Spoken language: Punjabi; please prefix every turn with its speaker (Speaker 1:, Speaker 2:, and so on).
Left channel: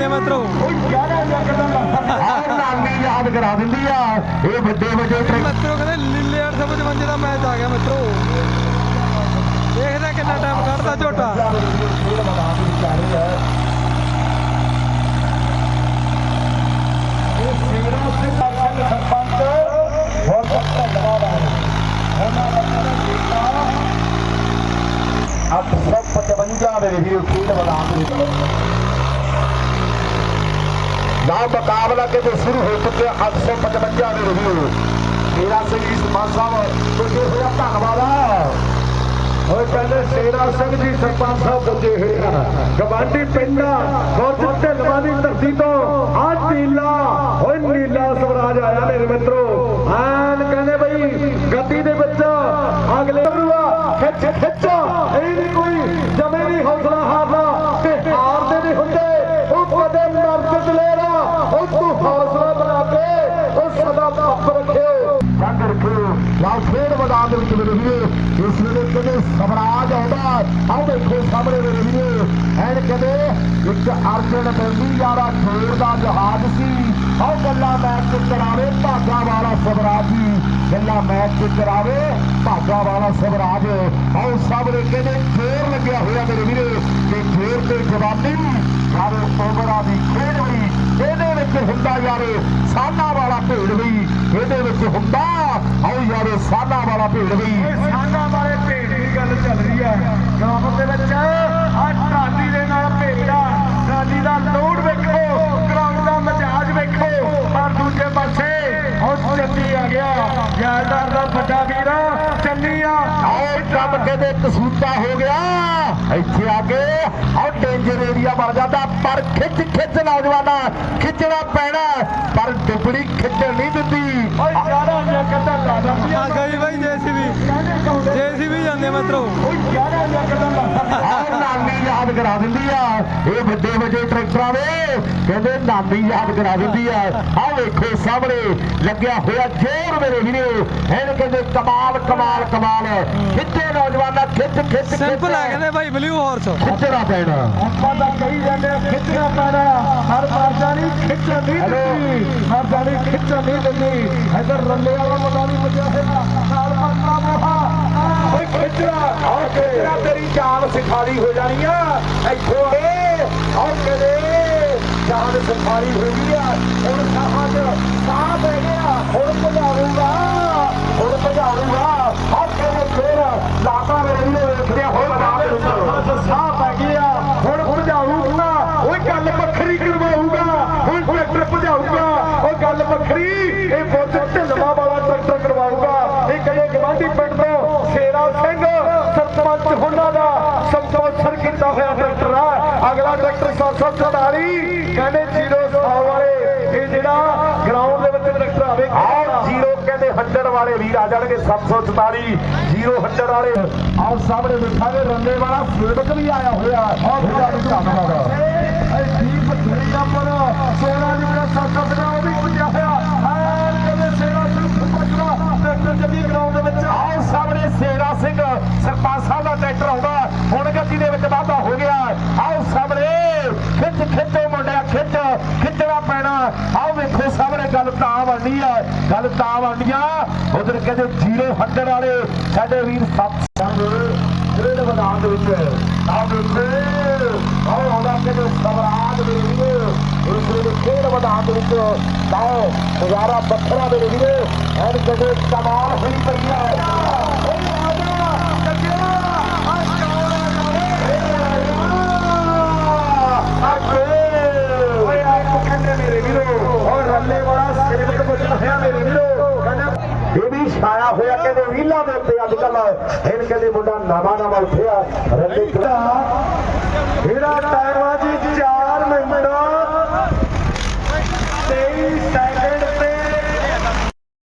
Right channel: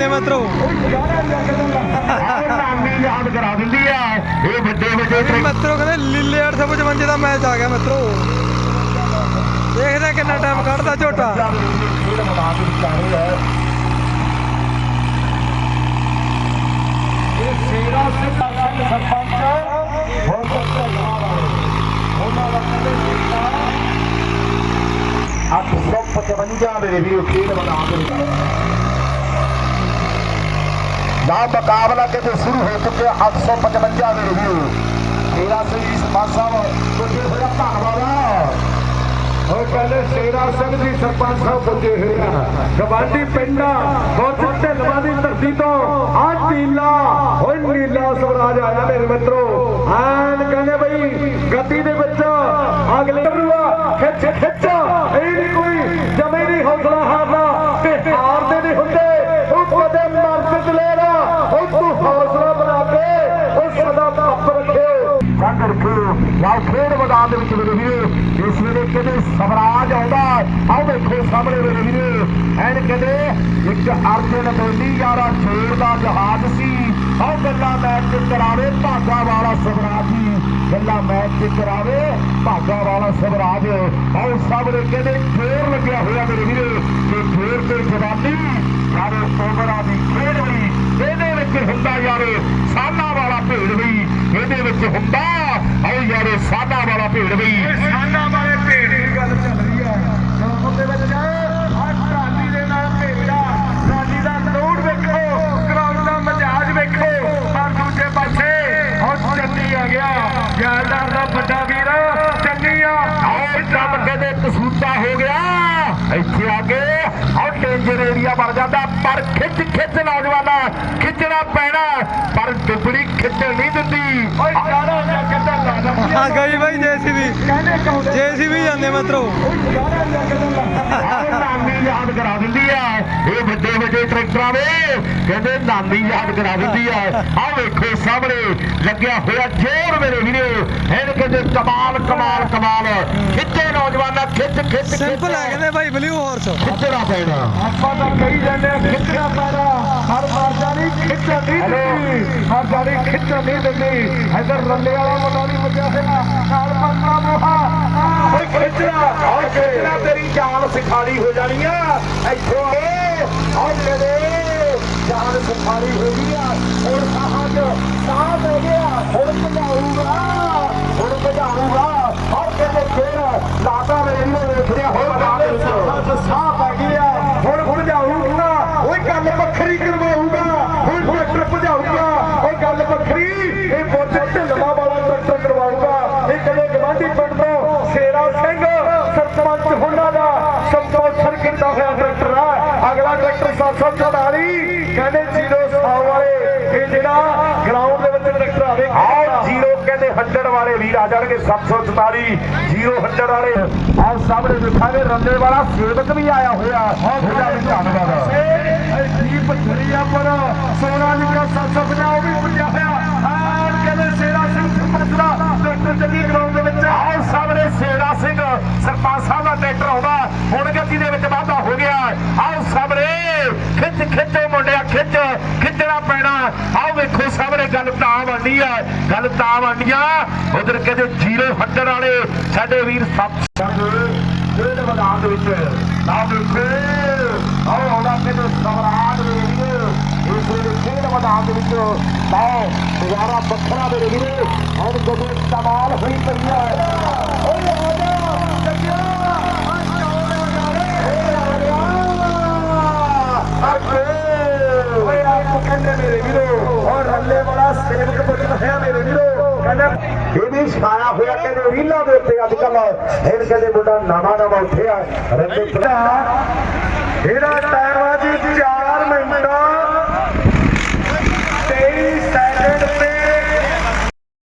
Speaker 1: ਜਾਂਦੇ ਮਿੱਤਰੋ
Speaker 2: ਆਹ ਨਾਮੀ ਯਾਦ ਕਰਾ ਦਿੰਦੀ ਆ ਇਹ ਵੱਡੇ ਵੱਡੇ ਟਰੈਕਟਰ
Speaker 1: ਮਿੱਤਰੋ ਕਹਿੰਦੇ ਲੀਲੇ 855 ਦਾ ਮੈਚ ਆ ਗਿਆ ਮਿੱਤਰੋ। ਦੇਖਦੇ ਕਿੰਨਾ ਟਾਈਮ ਕੱਢਦਾ ਝੋਟਾ।
Speaker 2: ਸੌ ਪਚਵੰਜਾ ਮੇਰੇ ਵੀਰੋ ਖੇਡ ਮੈਦਾਨ ਦੇ ਵਿੱਚ। ਨਾ ਮੁਕਾਬਲਾ ਕਿਤੇ ਸ਼ੁਰੂ ਹੋ ਚੁੱਕਿਆ 855 ਦੇ ਵੀਰੋ ਮੇਰਾ ਸਿੰਘ ਜੀ ਸਰਪੰਚ ਸਾਹਿਬ ਪੁੱਜੇ ਹੋਇਆ ਧੰਨਵਾਦ।
Speaker 3: ਉਹ ਕਹਿੰਦੇ ਸ਼ੇਰਾ ਸਿੰਘ ਜੀ, ਸਰਪੰਚ ਸਾਹਿਬ ਪੁੱਜੇ ਹੋਏ ਗਵਾਂਢੀ ਪਿੰਡਾਂ ਬਹੁਤ ਢਲਵਾ ਦੀ ਧਰਤੀ ਤੋਂ ਆ ਨੀਲਾ ਓਏ ਨੀਲਾ ਸਵਰਾਜ ਆਇਆ ਮੇਰੇ ਮਿੱਤਰੋ। ਐਨ ਕਹਿੰਦੇ ਬਈ, ਗੱਡੀ ਦੇ ਵਿੱਚ ਅਗਲੇ ਰੂਆ ਖਿੱਚ ਖਿੱਚ ਇਹ ਨਹੀਂ ਕੋਈ ਜਮੇ ਨਹੀਂ ਹੌਸਲਾ ਹਾਰਨਾ ਤੇ ਹਾਰਦੇ ਨਹੀਂ ਹੁੰਦੇ ਉਹ ਕਦੇ ਮਰਦ ਲੈਣਾ ਉਹ ਤੂੰ ਹੌਸਲਾ ਬਣਾ ਕੇ ਉਹ ਸਦਾ ਪੱਪ ਰੱਖੇ
Speaker 2: ਚੰਦ ਰੱਖੋ ਜਾਂ ਖੇਡ ਮੈਦਾਨ ਦੇ ਵਿੱਚ ਮੇਰੇ ਵੀਰੋ ਇਸ ਵੇਲੇ ਕਹਿੰਦੇ ਸਵਰਾਜ ਆਉਂਦਾ ਆਹ ਦੇਖੋ ਸਾਹਮਣੇ ਮੇਰੇ ਵੀਰੋ ਐਨ ਕਹਿੰਦੇ ਇੱਕ ਅਰਜਨ ਬੋਲੀ ਯਾਰਾ ਖੇਡ ਦਾ ਜਹਾਜ਼ ਸੀ। ਆਹ ਗੱਲਾਂ ਮੈਚ ਕਰਾਵੇ ਭਾਗਾ ਵਾਲਾ ਸਵਰਾਜ ਗੱਲਾਂ ਮੈਚ ਕਰਾਵੇ ਭਾਗਾ ਵਾਲਾ ਸਵਰਾਜ। ਆਹ ਸਾਹਮਣੇ ਕਹਿੰਦੇ ਜ਼ੋਰ ਲੱਗਿਆ ਹੋਇਆ ਮੇਰੇ ਵੀਰੋ। ਤੇ ਜ਼ੋਰ ਤੇ ਜਵਾਨੀ ਯਾਰ ਓਵਰਾਂ ਦੀ ਖੇਡ ਵੀ ਇਹਦੇ ਵਿੱਚ ਹੁੰਦਾ ਯਾਰ ਸਾਨਾ ਵਾਲਾ ਭੇੜ ਵੀ ਇਹਦੇ ਵਿੱਚ ਹੁੰਦਾ, ਆਓ ਯਾਰ ਸਾਨਾ ਵਾਲਾ ਭੇੜ ਵੀ
Speaker 3: ਸਾਨਾ ਵਾਲੇ ਭੇਡ ਦੀ ਗੱਲ ਚੱਲ ਰਹੀ ਹੈ ਗਰਾਊਂਡ ਦੇ ਵਿੱਚ ਆ ਟਰਾਲੀ ਦੇ ਨਾਲ ਭੇਜਾ ਟਰਾਲੀ ਦਾ ਲੋਡ ਵੇਖੋ ਗਰਾਊਂਡ ਦਾ ਮਜਾਜ ਵੇਖੋ ਔਰ ਦੂਜੇ ਪਾਸੇ ਉਹ ਚੱਲੀ ਆ ਗਿਆ ਯਾਰਦਾਰ ਦਾ ਵੱਡਾ ਵੀਰ ਚੱਲੀ ਆ
Speaker 2: ਆਓ ਕੰਮ ਕਸੂਤਾ ਹੋ ਗਿਆ। ਇੱਥੇ ਆ ਕੇ ਆਓ ਡੇਂਜਰ ਏਰੀਆ ਬਣ ਜਾਂਦਾ ਪਰ ਖਿੱਚ ਖਿੱਚ ਨੌਜਵਾਨਾ ਖਿੱਚਣਾ ਪੈਣਾ ਪਰ ਡੁਬੜੀ ਖਿੱਚਣ ਨਹੀਂ ਦਿੰਦੀ।
Speaker 3: ਓਏ ਯਾਰਾ ਜਾਂ ਕਹਿੰਦਾ ਲਾਦਾ
Speaker 1: ਹਾਂ ਗਈ ਬਾਈ ਜੇਸੀਬੀ ਜੇਸੀਬੀ ਜਾਂਦੇ ਮਿੱਤਰੋ।
Speaker 3: ਓਏ ਯਾਰਾ ਜਾਂ ਕਹਿੰਦਾ ਲਾਦਾ
Speaker 2: ਆਹ ਨਾਨੀ ਯਾਦ ਕਰਾ ਦਿੰਦੀ ਆ। ਇਹ ਵੱਡੇ ਵੱਡੇ ਟਰੈਕਟਰਾਂ ਦੇ ਕਹਿੰਦੇ ਨਾਨੀ ਯਾਦ ਕਰਾ ਦਿੰਦੀ ਆ। ਆਹ ਵੇਖੋ ਸਾਹਮਣੇ ਲੱਗਿਆ ਹੋਇਆ ਜ਼ੋਰ ਮੇਰੇ ਵੀਰੋ। ਇਹਨ ਕਹਿੰਦੇ ਕਮਾਲ ਕਮਾਲ ਕਮਾਲ। ਖਿੱਚੇ ਨੌਜਵਾਨਾਂ ਖਿੱਚ ਖਿੱਚ।
Speaker 1: ਸਿੰਪਲ ਹੈ ਕਹਿੰਦੇ ਬਾਈ ਬਲੂ ਹਾਰਸ
Speaker 2: ਖਿੱਚਣਾ ਪੈਣਾ।
Speaker 3: ਆਪਾਂ ਤਾਂ ਕਹੀ ਜਾਂਦੇ ਆ ਖਿੱਚਣਾ ਪੈਣਾ। ਹਰ ਮਰਦਾ ਨਹੀਂ ਖਿੱਚਣ ਨਹੀਂ ਦਿੰਦੀ। ਮਰਦਾ ਨਹੀਂ ਖਿੱਚਣ ਨਹੀਂ ਦਿੰਦੀ। ਇਧਰ ਰੱਲੇ ਵਾਲਾ ਮੁੰਡਾ ਨਹੀਂ ਮੱਜਿਆ ਨਾਲ ਓਏ ਖਿੱਚਣਾ ਓਏ ਖਿੱਚਣਾ ਤੇਰੀ ਜਾਨ ਸਿਖਾਲੀ ਹੋ ਜਾਣੀ ਆ। ਇੱਥੇ ਏ ਓ ਮੇਰੇ ਜਾਨ ਸਿਖਾਲੀ ਹੋ ਗਈ ਆ। ਹੁਣ ਸਾਹਾਂ 'ਚ ਸਾਹ ਹੋ ਗਿਆ ਹੁਣ ਭਜਾਊਗਾ ਹੁਣ ਭਜਾਊਗਾ। ਆ ਕਹਿੰਦੇ ਫੇਰ ਲਾਤਾ ਮੇਰੇ ਨੇ ਵੇਖਿਆ ਹੋ ਬਾਤ ਵਿੱਚ ਸਾਹ ਪੈ ਗਿਆ ਹੁਣ ਭਜਾਊਗਾ ਓਏ ਗੱਲ ਵੱਖਰੀ ਕਰਵਾਊਗਾ। ਹੁਣ ਟਰੈਕਟਰ ਭਜਾਊਗਾ ਓਏ ਗੱਲ ਵੱਖਰੀ। ਇਹ ਬੁੱਧ ਢਿੱਲਵਾ ਵਾਲਾ ਟਰੈਕਟਰ ਕਰਵਾਊਗਾ। ਇਹ ਕਦੇ ਗਵਾਂਢੀ 147 ਕਹਿੰਦੇ ਜੀਰੋ ਸਾਉ ਵਾਲੇ। ਇਹ ਜਿਹੜਾ ਗਰਾਊਂਡ ਦੇ ਵਿੱਚ ਟਰੈਕਟਰ ਆਵੇ
Speaker 2: ਆ ਜੀਰੋ ਕਹਿੰਦੇ 100 ਵਾਲੇ ਵੀਰ ਜੀਰੋ 100 ਵਾਲੇ। ਆ ਸਾਹਮਣੇ ਦਿਖਾਵੇ ਰੰਦੇ ਵਾਲਾ ਸੇਵਕ ਵੀ ਆਇਆ ਹੋਇਆ। ਬਹੁਤ ਧੰਨਵਾਦ। ਗਿਆ ਸਾਹਮਣੇ, ਖਿੱਚ, ਖਿੱਚੋ ਮੁੰਡਿਆ, ਖਿੱਚ, ਖਿੱਚਣਾ ਪੈਣਾ। ਆਓ ਵੇਖੋ ਸਾਹਮਣੇ, ਗੱਲ ਤਾਂ ਬਣਨੀ ਆ, ਗੱਲ ਤਾਂ ਬਣਨੀ ਉਧਰ ਕਹਿੰਦੇ ਜ਼ੀਰੋ 100 ਵਾਲੇ, ਸਾਡੇ ਵੀਰ ਸੱਤ ਜਿਹੜੇ ਮੈਦਾਨ ਦੇ ਵਿੱਚ ਆਹ ਵੇਖੋ ਕਹਿੰਦੇ ਸਵਰਾਜ ਦੇ ਵੀਰ ਇਸ ਵੇਲੇ ਖੇਡ ਮੈਦਾਨ ਦੇ ਵਿੱਚ ਆਹ ਨਜ਼ਾਰਾ ਵੱਖਰਾ ਮੇਰੇ ਵੀਰ ਐਨ ਕਦੇ ਕਮਾਲ ਹੋਈ ਪਈ ਆ ਓਏ ਆ ਜਾ ਕੱਜਿਆ ਆ ਚੌੜੇ ਨਾਲੇ
Speaker 3: ਓਏ ਆਪ ਕਹਿੰਦੇ ਮੇਰੇ ਵੀਰੋ ਔਰ ਰੱਲੇ ਵਾਲਾ ਸੇਵਕ ਬੁੱਤ ਹੋਇਆ ਮੇਰੇ ਵੀਰੋ
Speaker 2: ਇਹਦੀ ਛਾਇਆ ਹੋਇਆ ਕਹਿੰਦੇ ਰੀਲਾਂ ਦੇ ਉੱਤੇ ਅੱਜ ਕੱਲ ਇਹ ਕਹਿੰਦੇ ਮੁੰਡਾ ਨਵਾਂ ਨਵਾਂ ਉੱਠਿਆ
Speaker 3: ਚਾਰ